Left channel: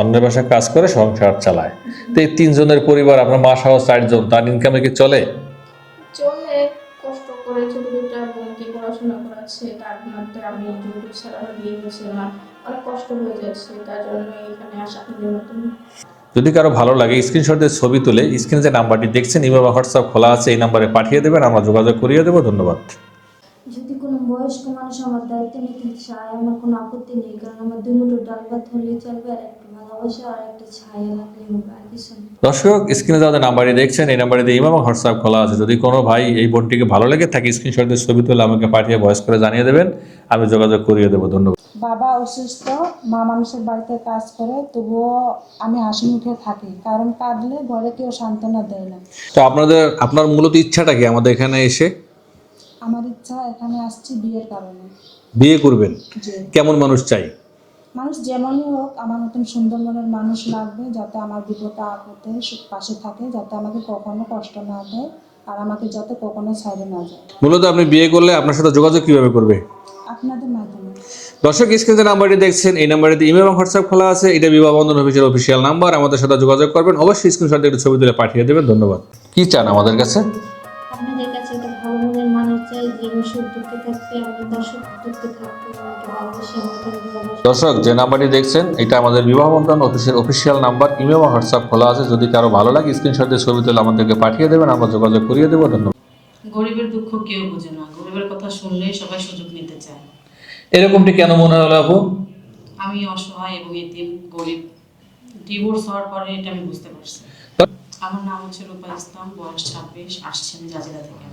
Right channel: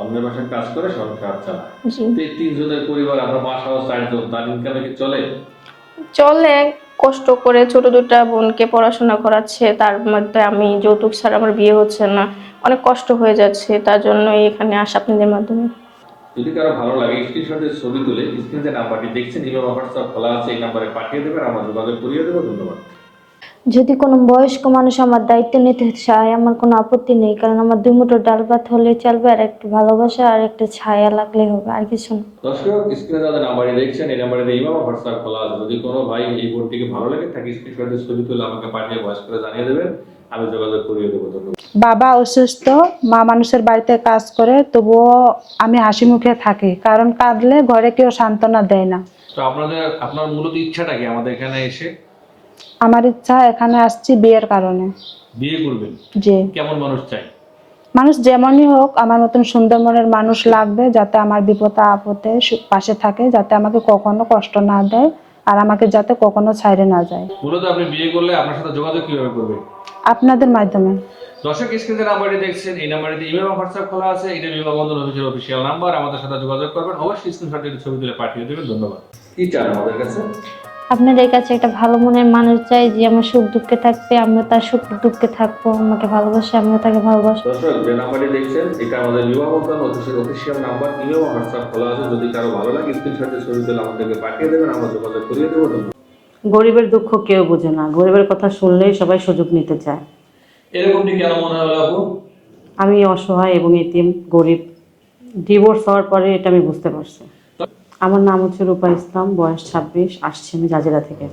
অন্যের বাসায় কাজ করে সংসার চালায়। জি। তো এই তিনজনের পরিবার, আপনার মা সহ চারজন, তার ইনকামে কি চলে? চলে, কষ্ট করে ছোট দুটা বোনকে পড়াশোনা করাচ্ছে, তার মধ্যে আমি যৌতুক ছাড়া আমার বিয়ে হচ্ছে না, অনেক কষ্ট হয়ে যাচ্ছে, তার জন্যই এখানে আসা আপনাদের মাধ্যমে। যদি কারো ভালো লাগে স্ক্রিনশট দিয়ে ছবি তুলে স্ক্রিনে যে নাম্বারটি দেখছেন ইমো বা হোয়াটসঅ্যাপ খোলা আছে, এই নাম্বারে পাঠিয়ে দেবেন, আমরা যোগাযোগ করিয়ে দেবো। ধন্যবাদ। যদি কোনো বয়স্ক মানুষ আমার দায়িত্ব নিতে চায় আমার কোনো আপত্তি নেই, কারণ আমার দুই মুঠো ডাল ভাত হলেই চলবে, আর একটু ভালোবাসা আর একটা ছায়া লাগলে হবে, আর কিছু না। দর্শক, স্ক্রিনে যাদের নাম্বারটি দেখছেন এই নাম্বারে ইমো এবং হোয়াটসঅ্যাপ খোলা আছে। যদি কোনো ভাই এই বোনটিকে ভালো লেগে থাকে স্ক্রিনশট দিয়ে ছবি তুলে আমাকে পাঠিয়ে ভয়েস করে জানিয়ে দেবেন, আমি যোগাযোগ করিয়ে দেবো। ধন্যবাদ। বাবা অসুস্থ, মা মানুষের বাড়িতে কাজ করে, তবুও আমি হাসি মুখে থাকি, কারণ কাঁদলে ঘরে কেউ সান্ত্বনা দেয় না। তো আপনার মূলত ইচ্ছাটা কি আমাদের এখানে এসে? আমার ইচ্ছা, এখানে আসছি বিয়ের কারণে। বিয়ে করবেন? যে কেমন মানুষ চাই? মানুষ যেমনই হোক, আমার মতন সুন্দর মনের মানুষ লাগবে, যাতে আমার বিপদে আপদে পাশে থাকে, যাতে আমাকে কখনো কষ্ট না দেয়, আর আমাকে যাতে কখনো ছাইড়ে না যায়। মূলত আপনি বিয়ে করলে আপনার সাথে যোগাযোগ কিভাবে করবে? আপনাদের মাধ্যমে। দর্শক, স্ক্রিনে যে নাম্বারটি দেখছেন এই নাম্বারটিতে ইমেল এবং হোয়াটসঅ্যাপ খোলা আছে। এটা বিবাহ বন্ধন অফিসের অফিসিয়াল নাম্বার। আমাদের সাথে যোগাযোগ করবেন, অবশ্যই স্ক্রিনশট দিয়ে একটু ছবি তুলে পাঠিয়ে দেবেন। ধন্যবাদ। কি চান আমাদের কাছে? আপনাদের কাছে একটা ভালো মনের মানুষ চাই, যে আমার সুখ দুঃখে থাকবে, আমিও তার সুখ দুঃখে থাকবো, আমাকে ভালোবাসে আমিও তাকে ভালোবাসবো। দর্শক, যে নাম্বারটি দেখছেন এটা আমাদের বিবাহ বন্ধন অফিসের অফিসিয়াল নাম্বার। ইমেল এবং হোয়াটসঅ্যাপ খোলা আছে। যদি কারো ভালো লাগে স্ক্রিনশট দিয়ে ছবি তুলে আমাদেরকে পাঠিয়ে দেবেন, আমরা যোগাযোগ করিয়ে দেবো। ধন্যবাদ। গরিবের দুঃখ কেউ বোঝে না, গরিবের কথা শুনলেই সবাই সুযোগ নিতে চায়। এরকমটি কেন মনে হলো আপু? আমি অসহায় এবং এতিম, গরিব। ডিভোর্স হওয়ার পরে এটা আমি বুঝতে পারছি। আমার নাম হচ্ছে রূপা ইসলাম, বয়স 26, আসছি আমি জাজিরা থেকে।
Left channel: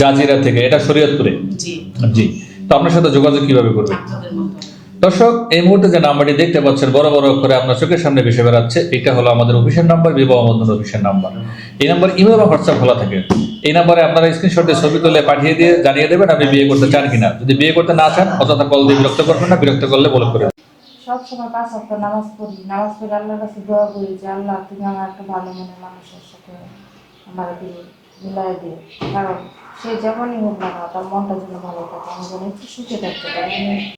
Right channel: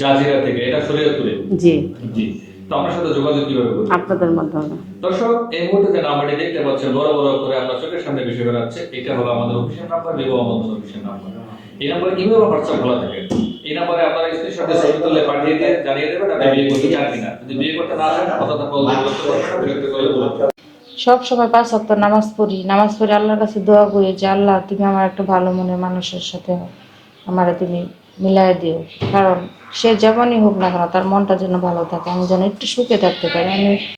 জাজিরা থেকে? এটা শরীয়তপুরে? জি। জি। তো আপনার সাথে যোগাযোগ কিভাবে করবেন? আপনাদের মাধ্যমে। দর্শক, এই মুহূর্তে যে নাম্বারটি দেখতে পাচ্ছেন বড় বড় অক্ষরে আপনার চোখের সামনে ভেসে বেড়াচ্ছে, এটা হলো আমাদের অফিসের নাম্বার, বিবাহ বন্ধন অফিসের নাম্বার। এই নাম্বার ইমেল বা হোয়াটসঅ্যাপ খোলা থাকে। এই নাম্বারে আপনারা স্ক্রিনশট দিয়ে ছবি তুলে পাঠিয়ে দিয়ে জানিয়ে দেবেন আপনি বিয়ে করতে চান কিনা। যদি বিয়ে করতে না চান অযথা কল দিয়ে বিরক্ত করবেন না, বিরক্ত করলে বলে করে। সব সময় 5 ওয়াক্ত নামাজ পড়ি, আল্লাহর কাছে দোয়া করি যে আল্লাহ তুমি আমার একটা ভালো মনের মানুষের সাথে আমারে তুমি মিলাই দিও, কারণ সে যেমনই হোক না কেন তার মনটা যেন ভালো থাকে, আমি যেন একটু সুখে থাকতে পারি। আমি